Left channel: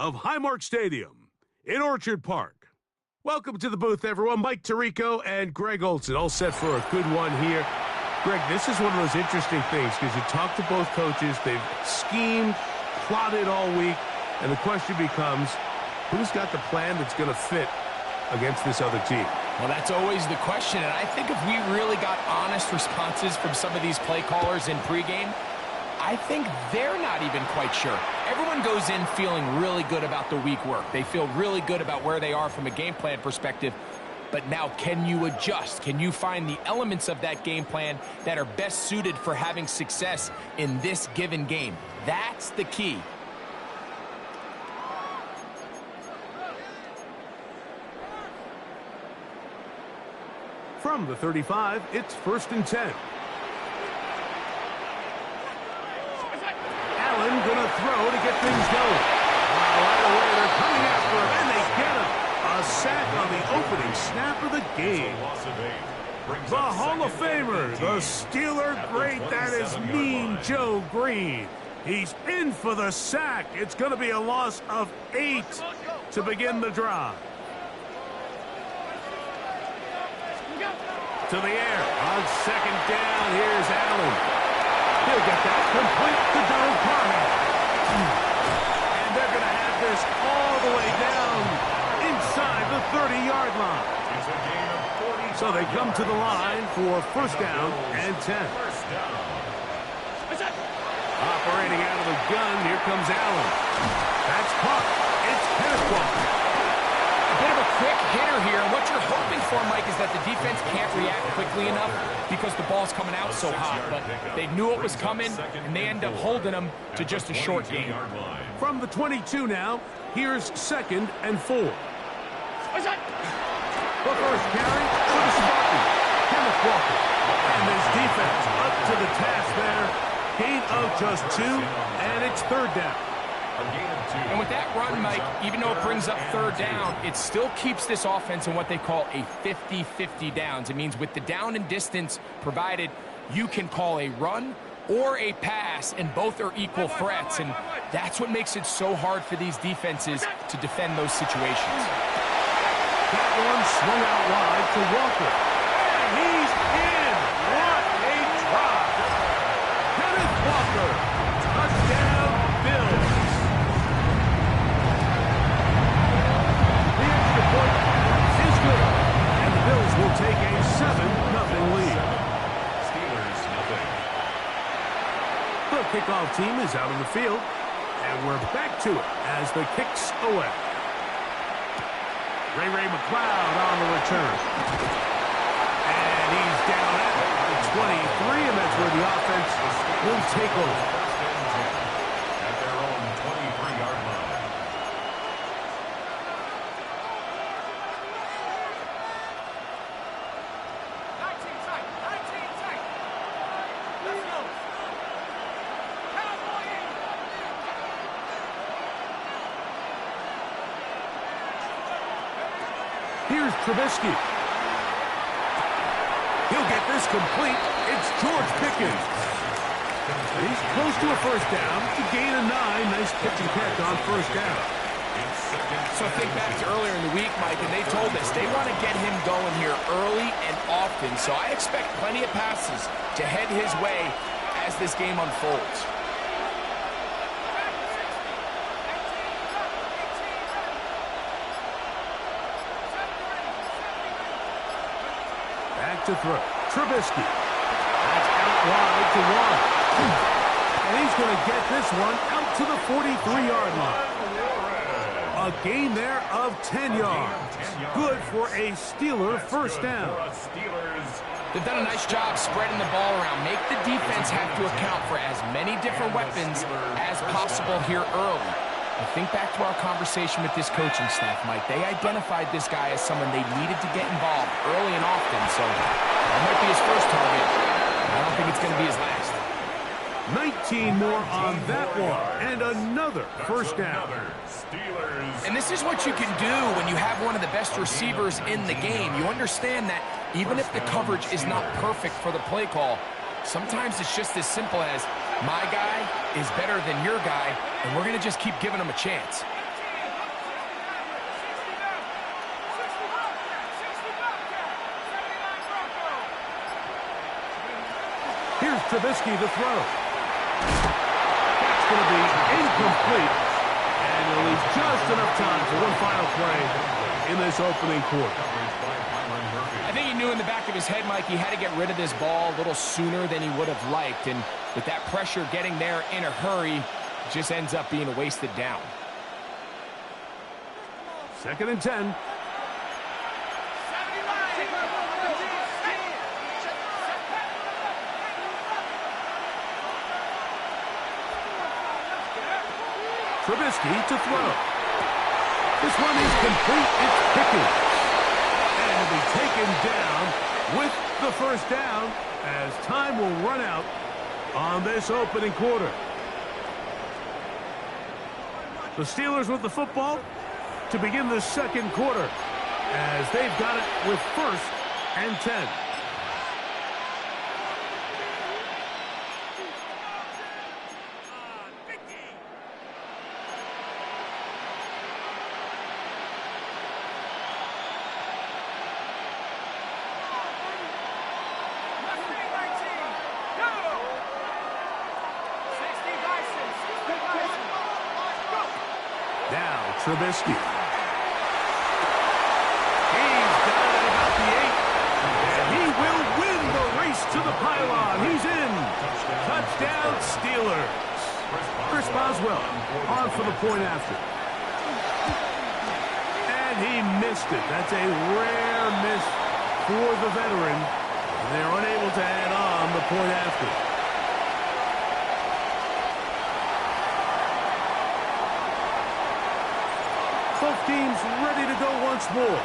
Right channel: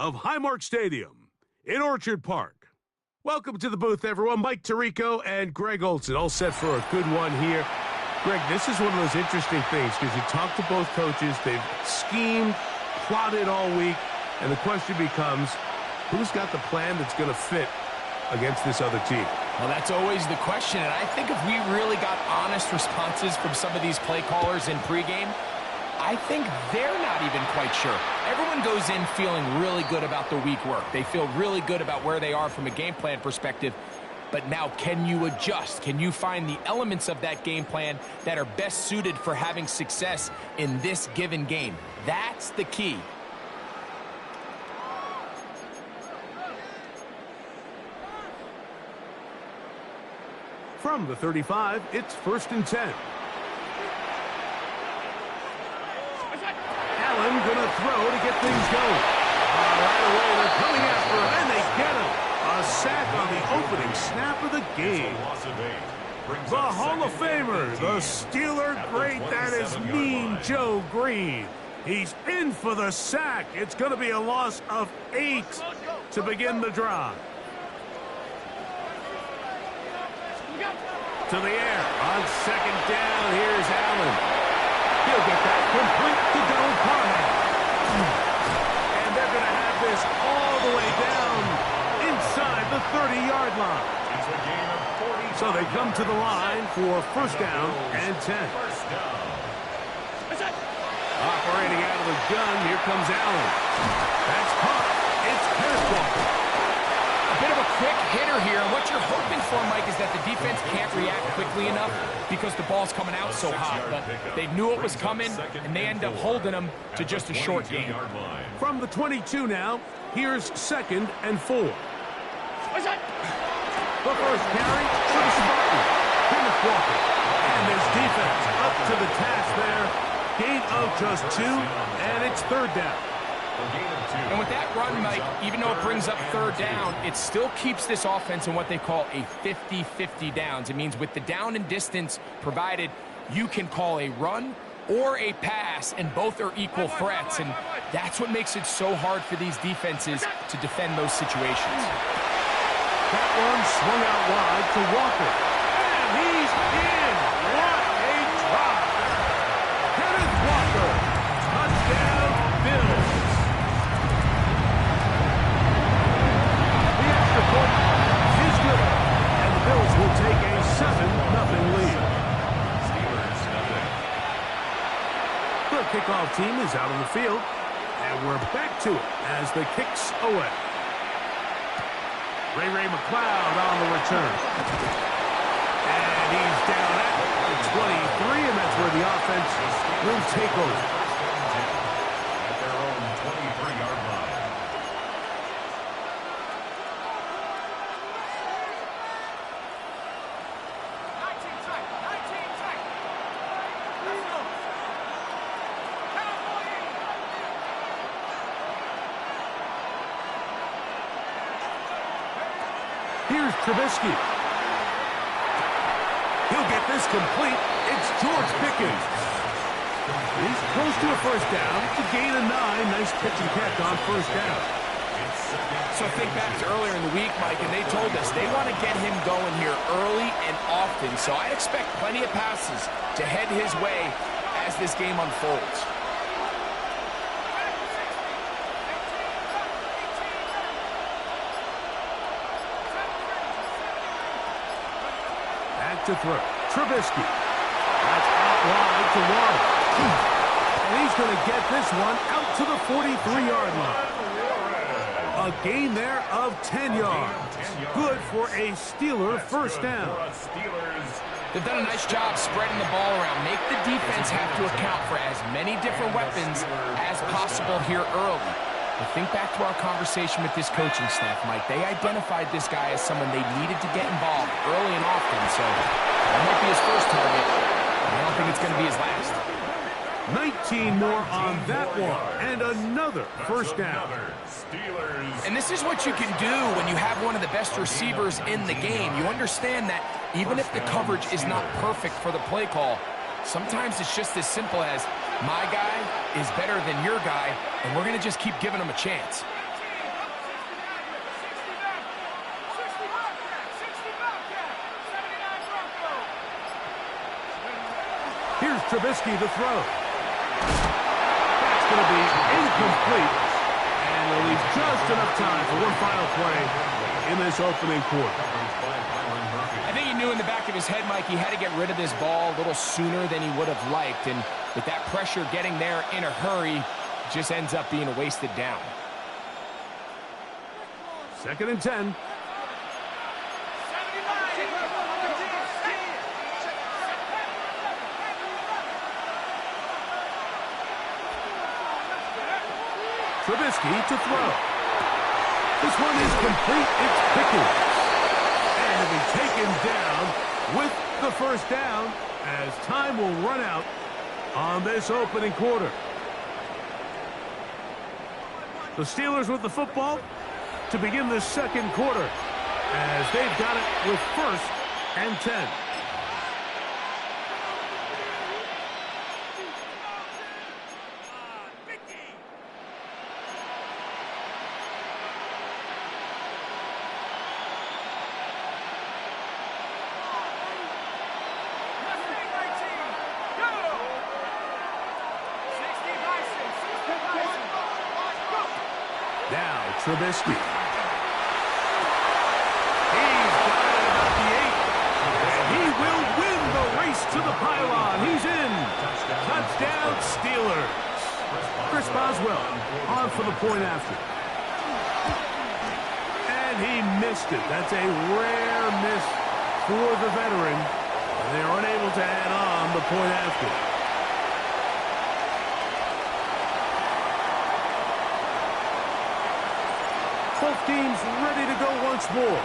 of Highmark Stadium in Orchard Park. Welcome to the booth, everyone. Mike Tirico and Greg Olson, all set for a good one here. Greg, this is one of those interesting things because you talk to both coaches. They've schemed, plotted all week, and the question becomes, who's got the plan that's going to fit against this other team? Well, that's always the question, and I think if we really got honest responses from some of these play callers in pregame, I think they're not even quite sure. Everyone goes in feeling really good about the week work. They feel really good about where they are from a game plan perspective. But now, can you adjust? Can you find the elements of that game plan that are best suited for having success in this given game? That's the key. From the 35, it's 1st and 10. Allen gonna throw to get things going. Right away, they're coming after him, and they get him. A sack on the opening snap of the game. The Hall of Famer, the Steeler great, that is Mean Joe Green. He's in for the sack. It's going to be a loss of 8 to begin the drive. To the air on 2nd down. Here's Allen. He'll get that complete to Donald Parham. And they're going to have this all the way down inside the 30-yard line. So they come to the line for 1st down and 10. Operating out of the gun, here comes Allen. That's caught. It's Kenneth Walker. A bit of a quick hitter here. What you're hoping for, Mike, is that the defense can't react quickly enough because the ball's coming out so hot. But they knew it was coming, and they end up holding them to just a short gain. From the 22 now, here's 2nd and 4. The first carry for the Spartans, Kenneth Walker. And this defense up to the task there. Gain of just 2, and it's 3rd down. And with that run, Mike, even though it brings up 3rd down, it still keeps this offense in what they call a 50-50 downs. It means with the down and distance provided, you can call a run or a pass, and both are equal threats. And that's what makes it so hard for these defenses to defend those situations. That one swung out wide to Walker. And he's in. What a drive. Kenneth Walker. Touchdown, Bills. The extra point is good. And the Bills will take a 7-0 lead. Steelers, nothing. The kickoff team is out on the field. And we're back to it as the kick's away. Ray McLeod on the return. And he's down at the 23, and that's where the offense will take over. First and 10 at their own 23-yard line. Let's go. Here's Trubisky. He'll get this complete. It's George Pickens. He's close to a 1st down to gain a 9. Nice pitch and catch on 1st down. So think back to earlier in the week, Mike, and they told us they want to get him going here early and often. So I expect plenty of passes to head his way as this game unfolds. Back to throw. Trubisky. That's out wide to Warren. And he's going to get this one out to the 43-yard line. A gain there of 10 yards. Good for a Steeler 1st down. They've done a nice job spreading the ball around. Make the defense have to account for as many different weapons as possible here early. But think back to our conversation with this coaching staff, Mike. They identified this guy as someone they needed to get involved early and often. So that might be his first target. I don't think it's going to be his last. 19 more on that one, and another 1st down. And this is what you can do when you have one of the best receivers in the game. You understand that even if the coverage is not perfect for the play call, sometimes it's just as simple as my guy is better than your guy, and we're going to just keep giving him a chance. Here's Trubisky to throw. That's going to be incomplete. And it'll leave just enough time for one final play in this opening quarter. I think he knew in the back of his head, Mike, he had to get rid of this ball a little sooner than he would have liked. And with that pressure getting there in a hurry, it just ends up being a wasted down. 2nd and 10. Trubisky to throw. This one is complete. It's Pickens. And he'll be taken down with the first down as time will run out on this opening quarter. The Steelers with the football to begin the second quarter as they've got it with 1st and 10. Now, Trubisky. He's got it at about the 8. And he will win the race to the pylon. He's in. Touchdown, Steelers. Chris Boswell on for the point after. And he missed it. That's a rare miss for the veteran. And they're unable to add on the point after. Both teams ready to go once more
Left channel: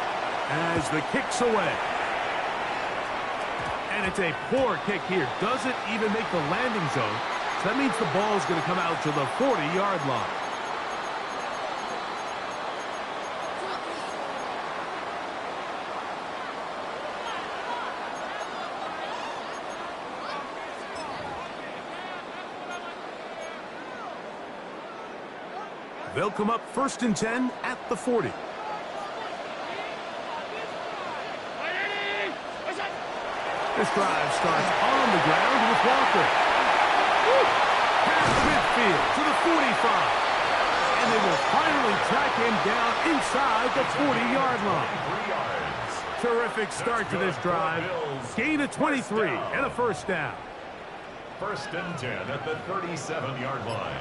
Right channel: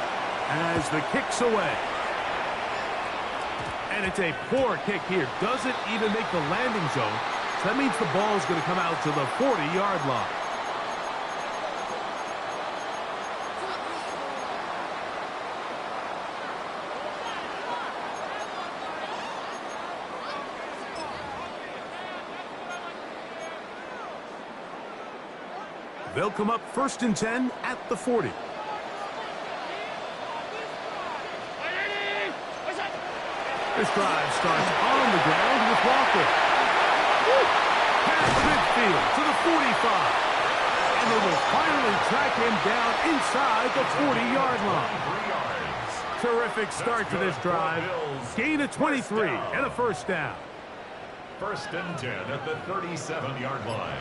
as the kick's away. And it's a poor kick here. Doesn't even make the landing zone. So that means the ball's going to come out to the 40-yard line. They'll come up 1st and 10 at the 40. This drive starts on the ground with Walker. Past midfield to the 45. And they will finally track him down inside the 40-yard line. Terrific start to this drive. Gain of 23 and a first down. 1st and 10 at the 37-yard line.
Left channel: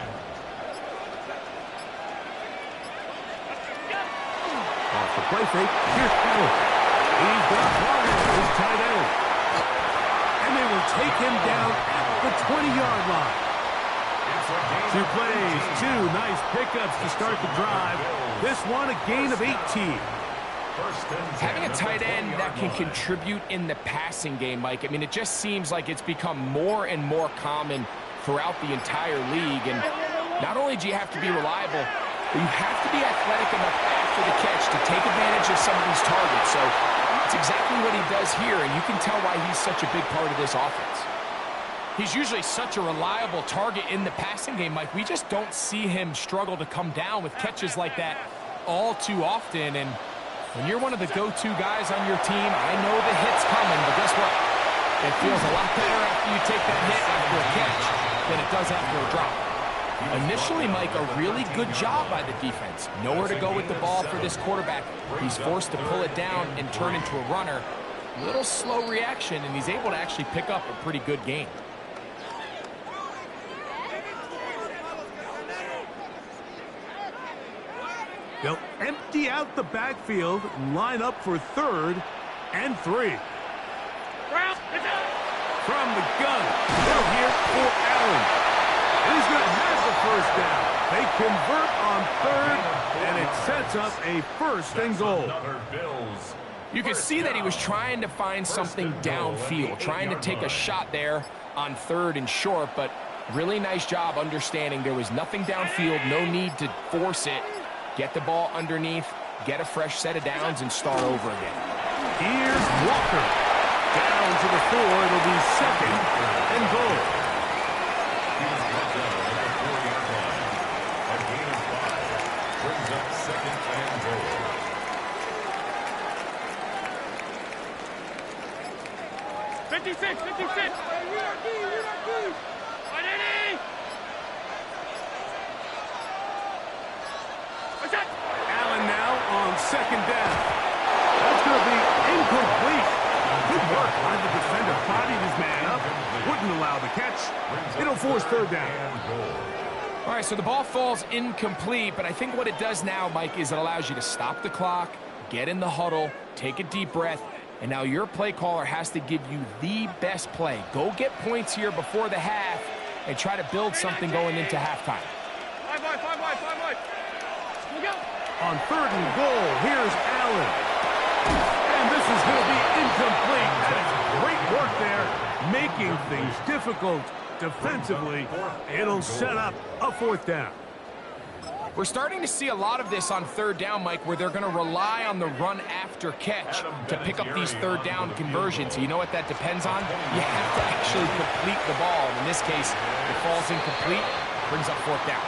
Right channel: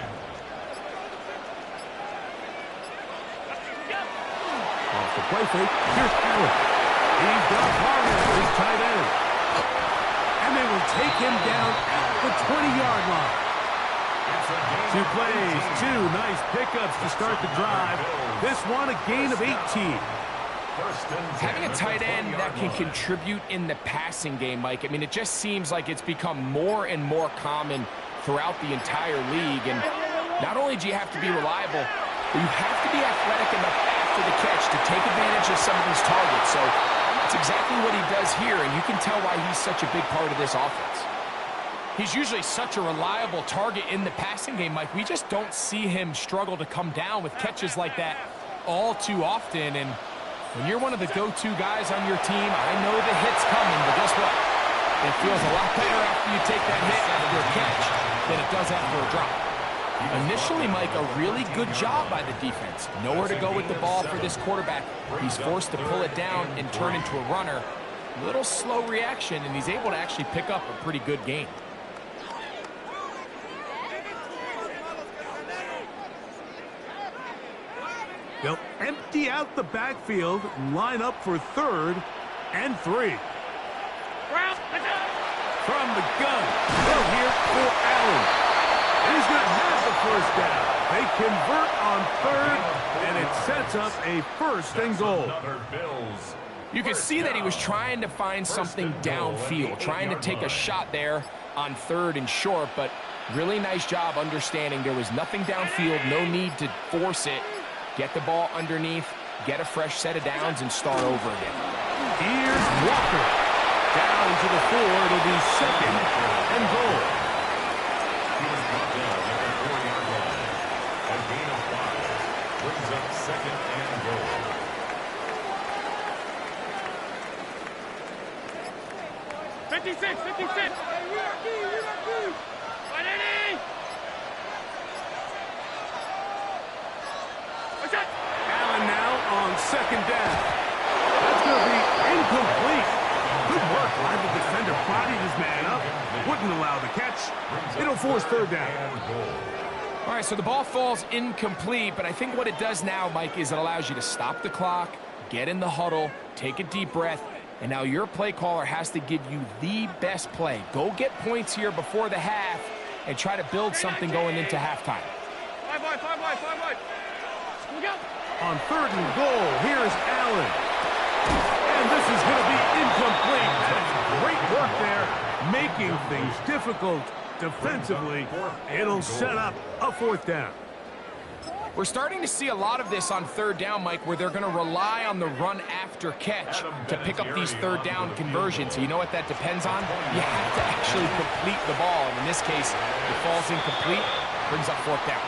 Off the play fake, here's Allen. He's got Vargas, his tight end. And they will take him down at the 20-yard line. 2 plays, 2 nice pickups to start the drive. This one a gain of 18. Having a tight end that can contribute in the passing game, Mike, I mean, it just seems like it's become more and more common throughout the entire league. And not only do you have to be reliable, but you have to be athletic enough after the catch to take advantage of some of these targets. So it's exactly what he does here, and you can tell why he's such a big part of this offense. He's usually such a reliable target in the passing game, Mike. We just don't see him struggle to come down with catches like that all too often. And when you're one of the go-to guys on your team, I know the hit's coming, but guess what? It feels a lot better after you take that hit after a catch than it does after a drop. Initially, Mike, a really good job by the defense. Nowhere to go with the ball for this quarterback. He's forced to pull it down and turn into a runner. Little slow reaction, and he's able to actually pick up a pretty good gain. They'll empty out the backfield and line up for 3rd and 3. From the gun, they'll hear for Allen. And he's going to have the first down. They convert on 3rd, and it sets up a 1st and goal. You can see that he was trying to find something downfield, trying to take a shot there on 3rd and short, but really nice job understanding there was nothing downfield, no need to force it. Get the ball underneath, get a fresh set of downs, and start over again. Here's Walker. Down to the 4. It'll be 2nd and goal. He was brought down at the 4-yard line. A gain of 5 brings up 2nd and goal. 56, 56. Allen now on second down. That's going to be incomplete. Good work by the defender. Bodied his man up. Wouldn't allow the catch. It'll force third down. All right, so the ball falls incomplete, but I think what it does now, Mike, is it allows you to stop the clock, get in the huddle, take a deep breath, and now your play caller has to give you the best play. Go get points here before the half and try to build something going into halftime. 5 wide. Look out. On third and goal, here's Allen. And this is going to be incomplete. That is great work there, making things difficult defensively. It'll set up a fourth down. We're starting to see a lot of this on third down, Mike, where they're going to rely on the run after catch to pick up these third down conversions. So you know what that depends on? You have to actually complete the ball. And in this case, it falls incomplete, brings up fourth down.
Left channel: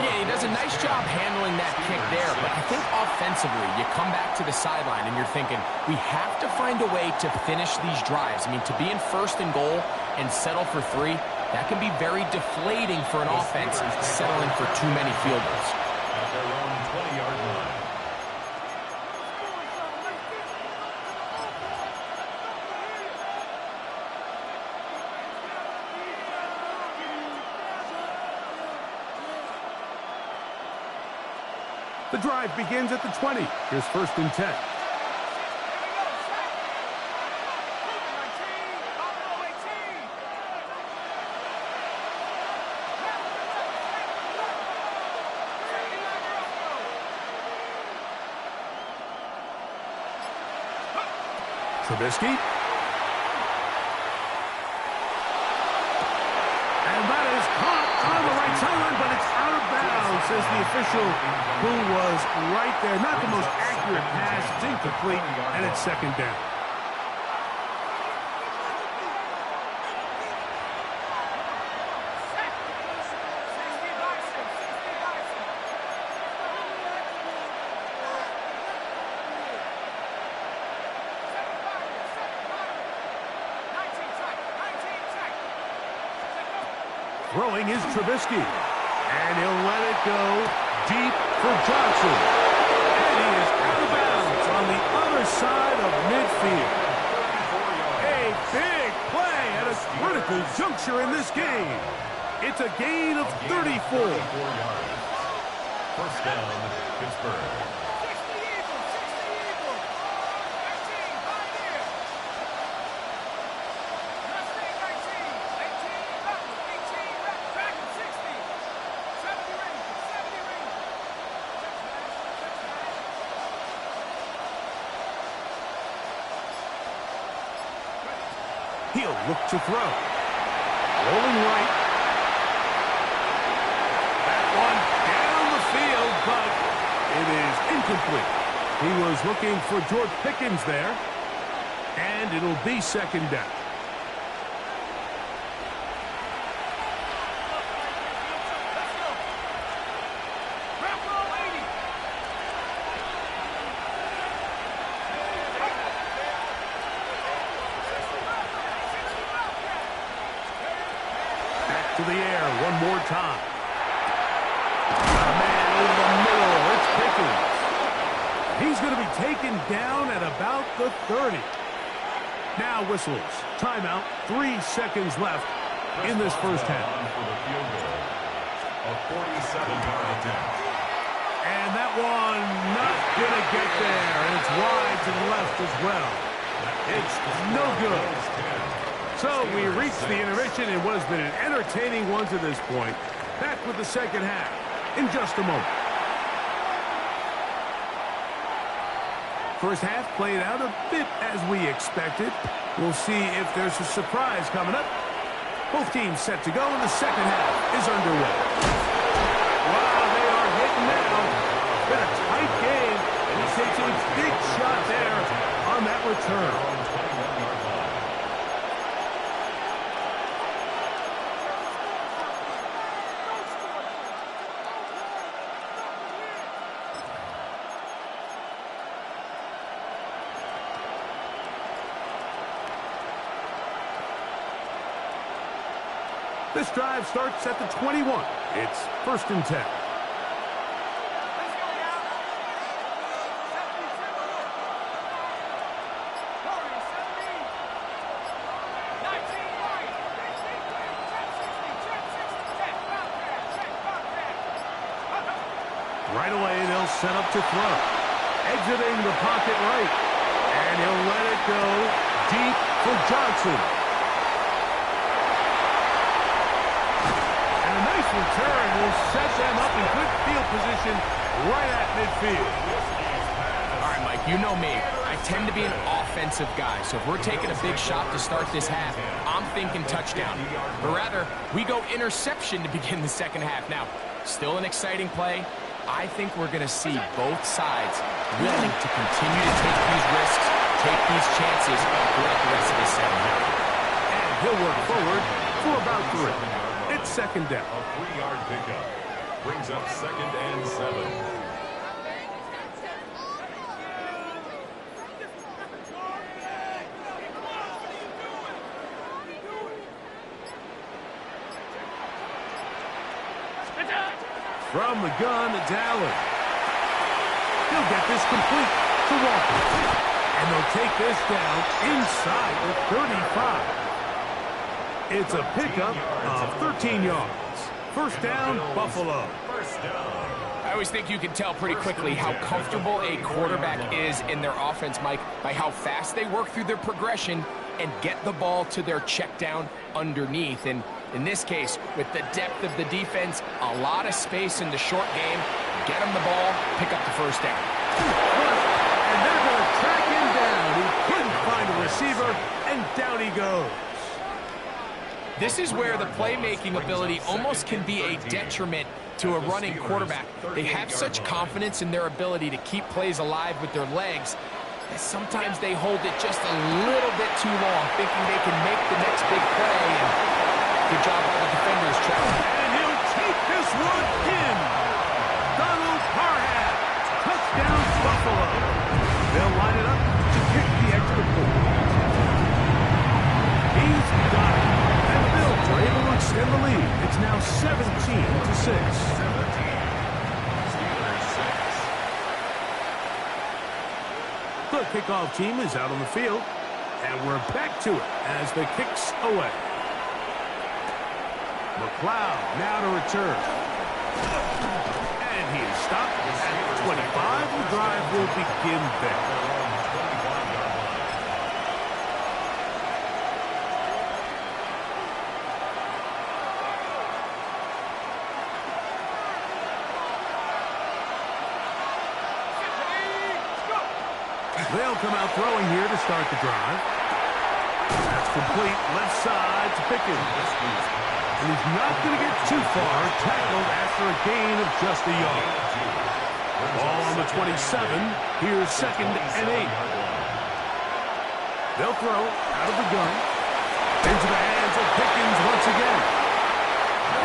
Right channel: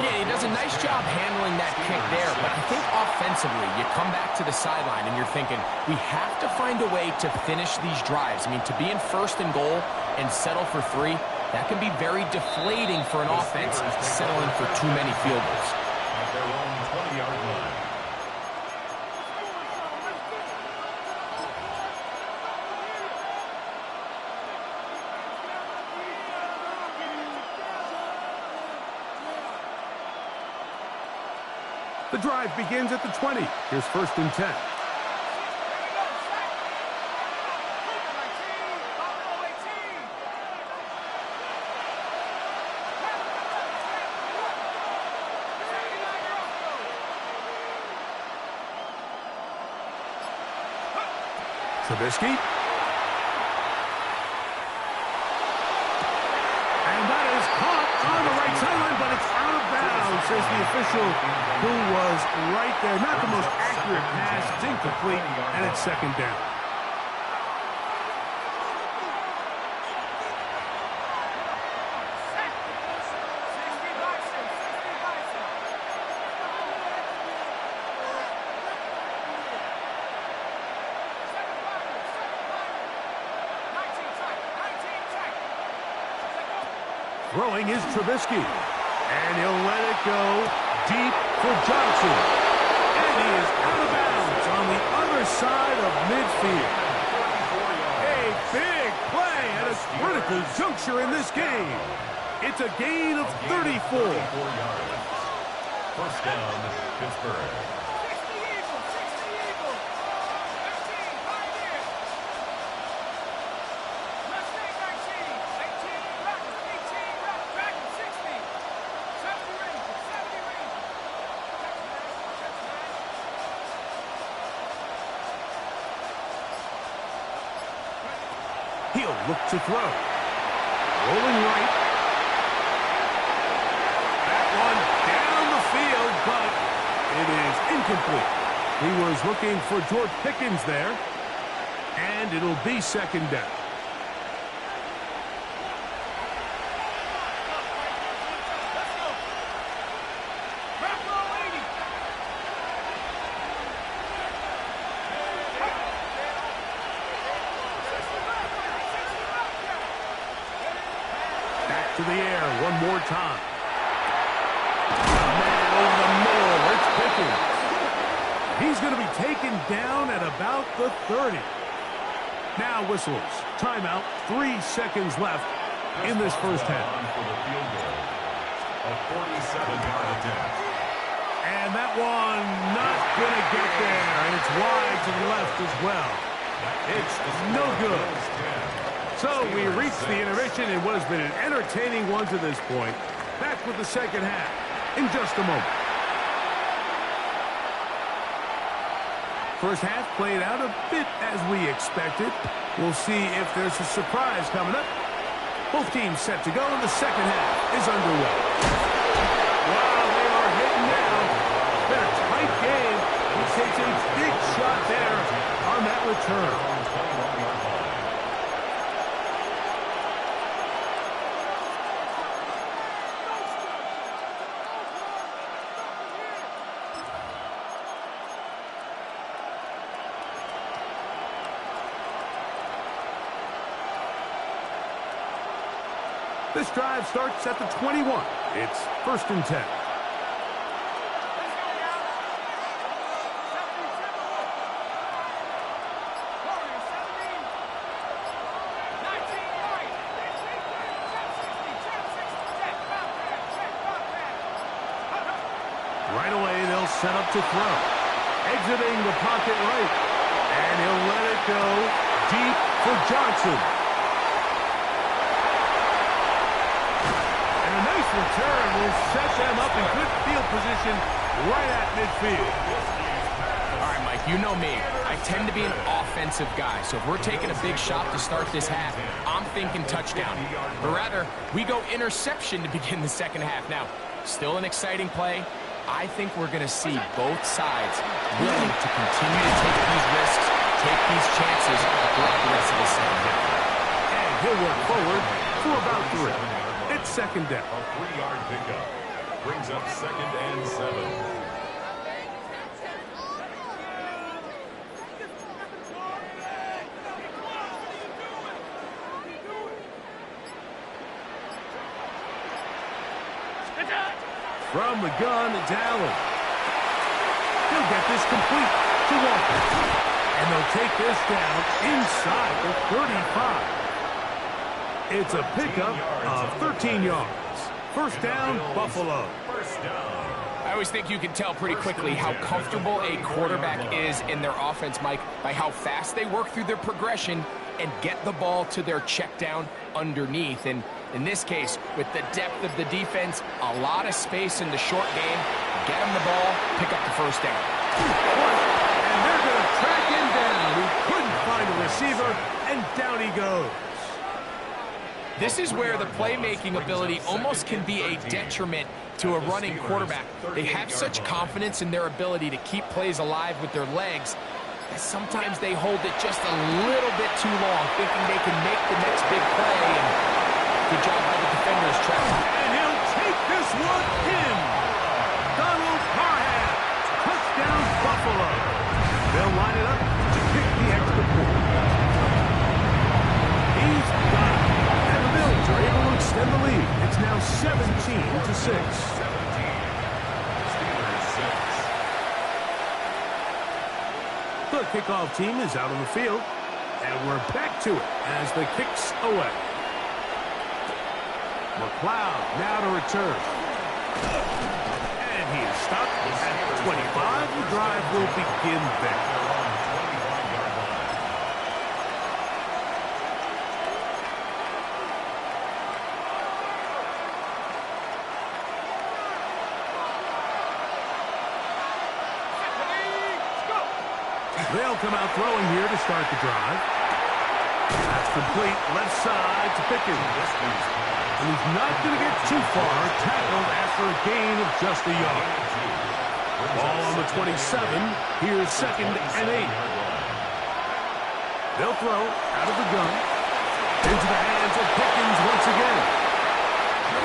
Yeah, he does a nice job handling that kick there, but I think offensively, you come back to the sideline and you're thinking, we have to find a way to finish these drives. I mean, to be in first and goal and settle for 3, that can be very deflating for an offense settling for too many field goals. At their own 20-yard line. The drive begins at the 20. Here's first and 10. Trubisky. And that is caught on the right sideline, but it's out of bounds, says the official who was right there. Not the most accurate pass. It's incomplete, and it's second down. Throwing is Trubisky, and he'll let it go deep for Johnson. And he is out of bounds on the other side of midfield. A big play at a critical juncture in this game. It's a gain of 34. First down, Pittsburgh. He'll look to throw. Rolling right. That one down the field, but it is incomplete. He was looking for George Pickens there, and it'll be second down. To the air one more time. Man over the middle. It's Pickens. He's going to be taken down at about the 30. Now whistles. Timeout. 3 seconds left in this first half. For the field goal. A 47-yard attempt. And that one not going to get there. And it's wide to the left as well. It's no good. So we reached the intermission in what has been an entertaining one to this point. Back with the second half in just a moment. First half played out a bit as we expected. We'll see if there's a surprise coming up. Both teams set to go, and the second half is underway. Wow, they are hitting now. Been a tight game, and he takes a big shot there on that return. This drive starts at the 21. It's 1st and 10. Right away, they'll set up to throw. Exiting the pocket right. And he'll let it go deep for Johnson. And a nice return will set them up in good field position right at midfield. All right, Mike, you know me. I tend to be an offensive guy, so if we're taking a big shot to start this half, I'm thinking touchdown. But rather, we go interception to begin the second half. Now, still an exciting play. I think we're going to see both sides willing to continue to take these risks, take these chances throughout the rest of this second half. And he'll work forward for about 3. It's 2nd down. A 3-yard pickup brings up 2nd and 7. From the gun, it's Allen. He'll get this complete to Walker. And they'll take this down inside the 35. It's a pickup of 13 yards. 1st down, Buffalo. I always think you can tell pretty quickly how comfortable a quarterback is in their offense, Mike, by how fast they work through their progression and get the ball to their check down underneath. And in this case, with the depth of the defense, a lot of space in the short game, get him the ball, pick up the 1st down. And they're going to track him down. He couldn't find a receiver, and down he goes. This is where the playmaking ability almost can be a detriment to a running quarterback. They have such confidence in their ability to keep plays alive with their legs that sometimes they hold it just a little bit too long, thinking they can make the next big play. And good job by the defenders, traveling. And he'll take this one in. Donald Parham. Touchdown, Buffalo. They'll line it up to kick the extra point. He's got it. And the Bills are able to extend the lead. It's now 17-6. 17. Steelers 6. The kickoff team is out on the field. And we're back to it as the kick's away. McLeod now to return. And he is stopped at 25. The drive will begin there. They'll come out throwing here to start the drive. That's complete. Left side to Pickens. And he's not going to get too far. Tackled after a gain of just a yard. Ball on the 27. Here's 2nd and 8. They'll throw out of the gun. Into the hands of Pickens once again.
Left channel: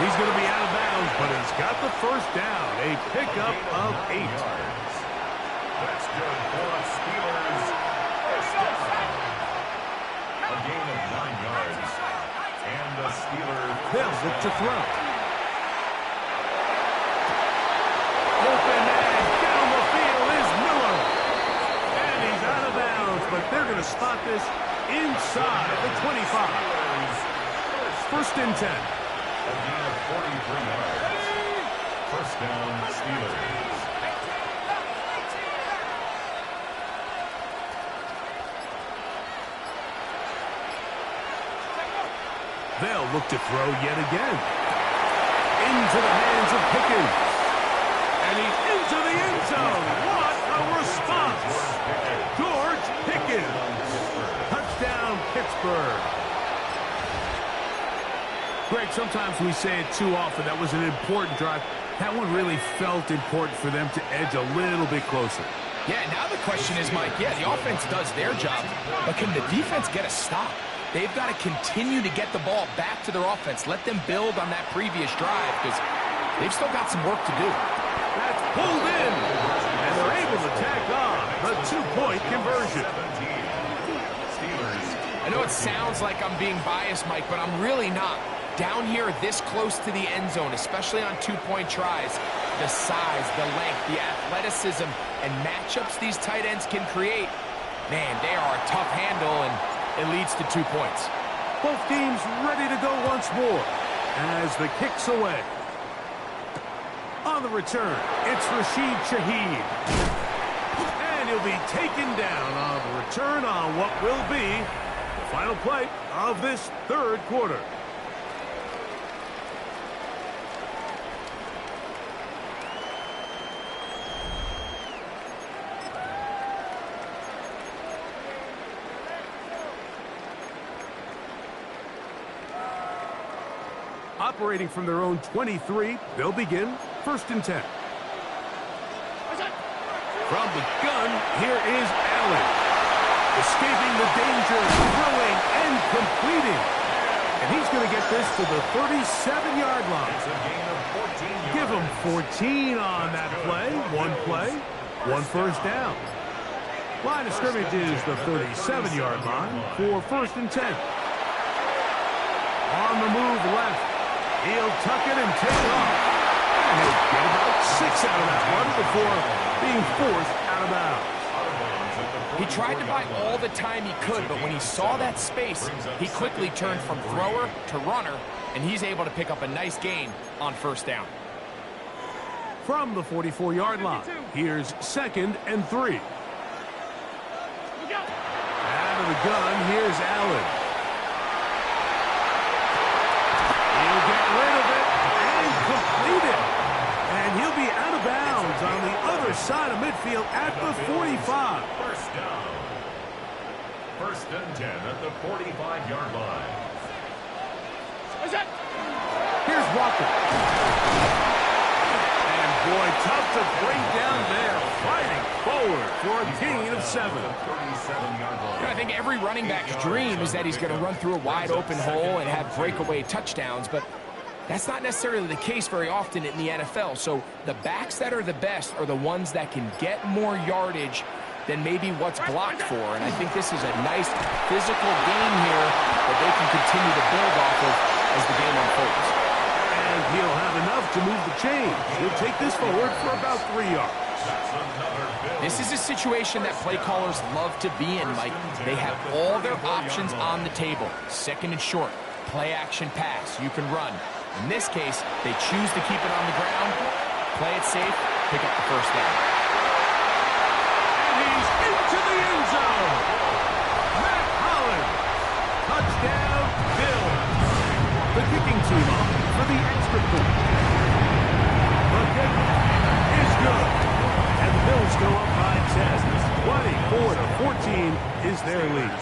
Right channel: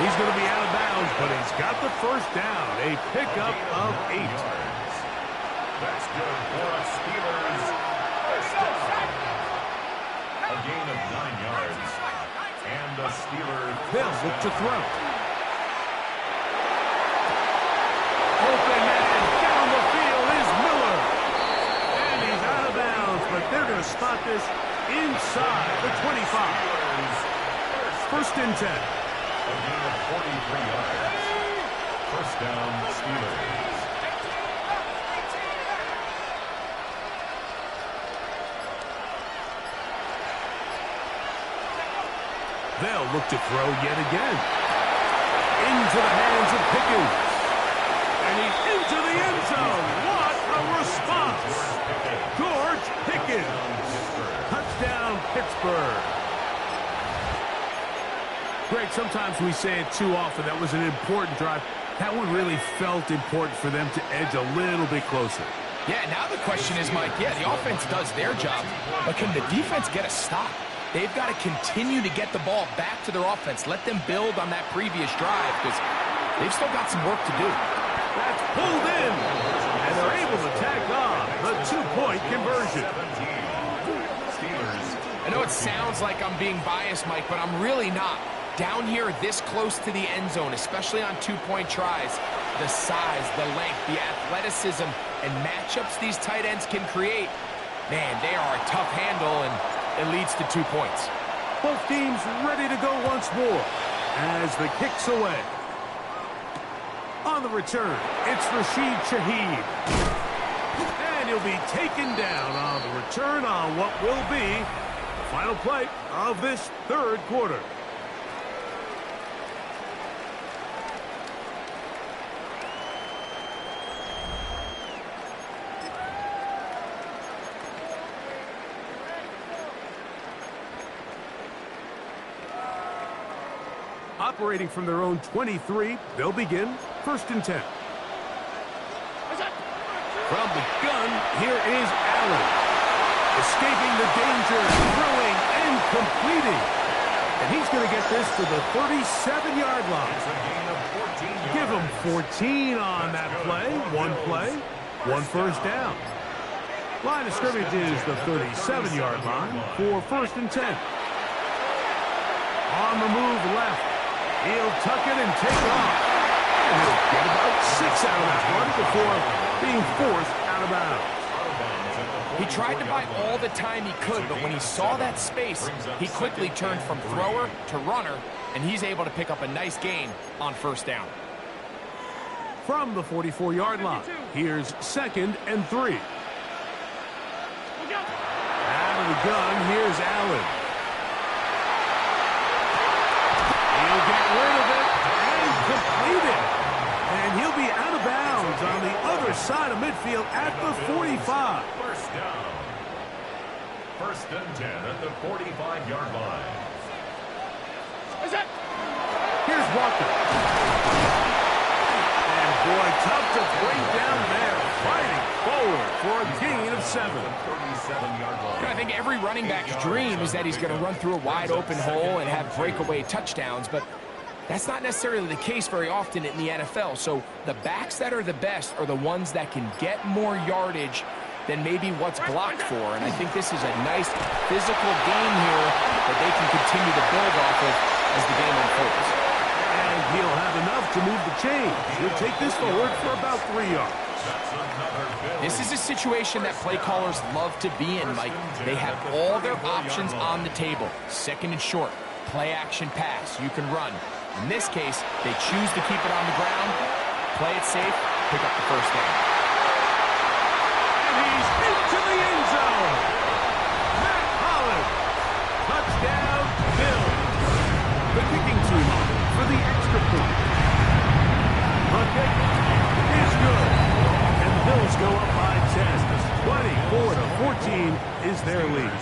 He's going to be out of bounds, but he's got the 1st down. A pickup of 8. That's good for a Steelers 1st down. A gain of 9 yards. And the Steelers. They'll look to throw. Open man down the field is Miller. And he's out of bounds, but they're going to spot this inside the 25. 1st and 10. A gain of 43 yards. 1st down, Steelers. They'll look to throw yet again. Into the hands of Pickens. And he's into the end zone. What a response. George Pickens. Touchdown, Pittsburgh. Greg, sometimes we say it too often. That was an important drive. That one really felt important for them to edge a little bit closer. Yeah, now the question is, Mike, yeah, the offense does their job, but can the defense get a stop? They've got to continue to get the ball back to their offense. Let them build on that previous drive because they've still got some work to do. That's pulled in, and they're able to tack on the 2-point conversion. I know it sounds like I'm being biased, Mike, but I'm really not. Down here, this close to the end zone, especially on two-point tries, the size, the length, the athleticism, and matchups these tight ends can create, man, they are a tough handle, and it leads to 2 points. Both teams ready to go once more as the kick's away. On the return, it's Rashid Shaheed. And he'll be taken down on the return on what will be the final play of this third quarter. Operating from their own 23, they'll begin 1st and 10. From the gun, here is Allen. Escaping the danger, throwing and completing. And he's going to get this to the 37-yard line. It's a gain of 14 yards. Give him 14 on that play, one first down. Line of scrimmage is the 37-yard line for 1st and 10. On the move left. He'll tuck it and take off. And he'll get about 6 out of that one before being forced out of bounds. He tried to buy all the time he could, but when he saw that space, he quickly turned from thrower to runner, and he's able to pick up a nice gain on 1st down. From the 44-yard line, here's 2nd and 3. Out of the gun, here's Allen. He'll get rid of it and complete it. And he'll be out of bounds on the other side of midfield at the 45. 1st down. 1st and 10 at the 45-yard line. Here's Walker. And boy, tough to bring down there. Fighting forward for a gain of 7. I think every running back's dream is that he's going to run through a wide open hole and have breakaway touchdowns, but that's not necessarily the case very often in the NFL. So the backs that are the best are the ones that can get more yardage than maybe what's blocked for. And I think this is a nice physical game here that they can continue to build off of as the game unfolds. And he'll have enough to move the chains. He'll take this forward for about 3 yards. This is a situation that play callers love to be in, Mike. They have all their options on the table. 2nd and short, play action pass, you can run. In this case, they choose to keep it on the ground, play it safe, pick up the 1st down. And he's into the end zone. Matt Holland. Touchdown, Bills. The kicking team on for the extra point. The kick is good. And the Bills go up by 10. 24-14 is their lead.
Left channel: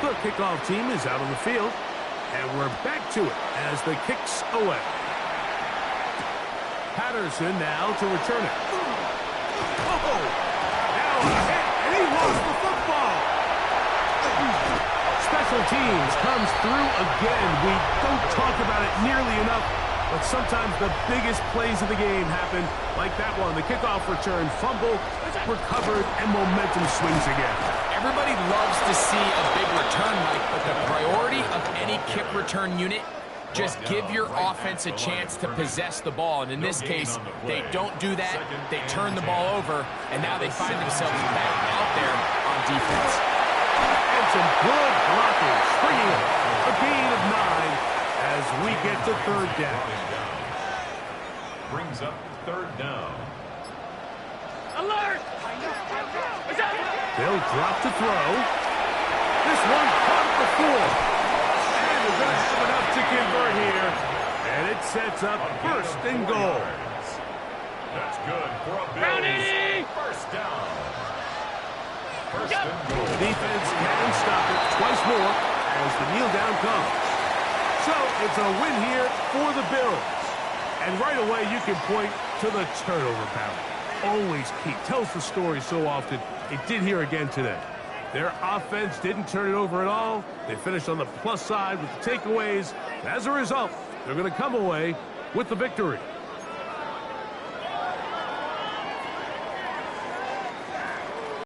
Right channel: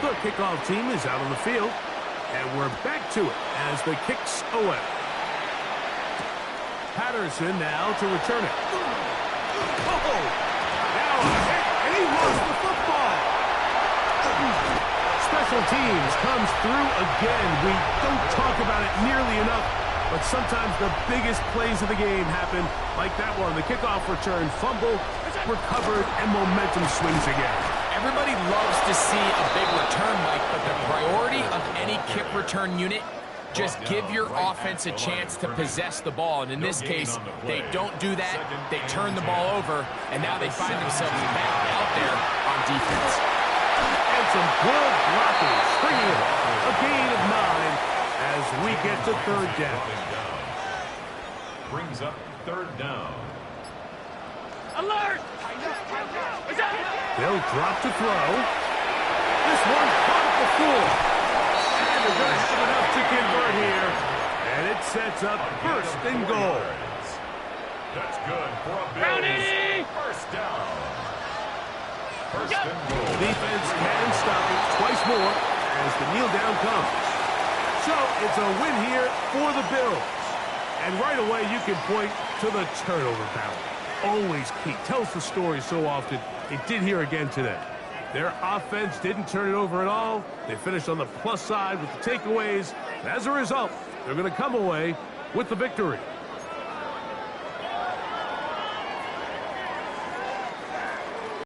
The kickoff team is out on the field. And we're back to it as the kick's away. Patterson now to return it. Oh! Now a hit, and he lost the football. Special teams comes through again. We don't talk about it nearly enough, but sometimes the biggest plays of the game happen, like that one. The kickoff return, fumble, recovered, and momentum swings again. Everybody loves to see a big return, Mike, but the priority of any kick return unit, just give your offense a chance to possess the ball. And in this case, they don't do that. They turn the ball over, and now they find themselves back out there on defense. And some good blocking, springing it. A gain of 9 as we get to 3rd down. Brings up 3rd down. Alert! They'll drop to throw. This one caught at the 4. And they're going to have enough to convert here. And it sets up 1st and goal. That's good for a Bills 1st down. 1st and goal. The defense can stop it twice more as the kneel down comes. So it's a win here for the Bills. And right away you can point to the turnover battle. Always key. Tells the story so often. It did here again today. Their offense didn't turn it over at all. They finished on the plus side with the takeaways. As a result, they're going to come away with the victory.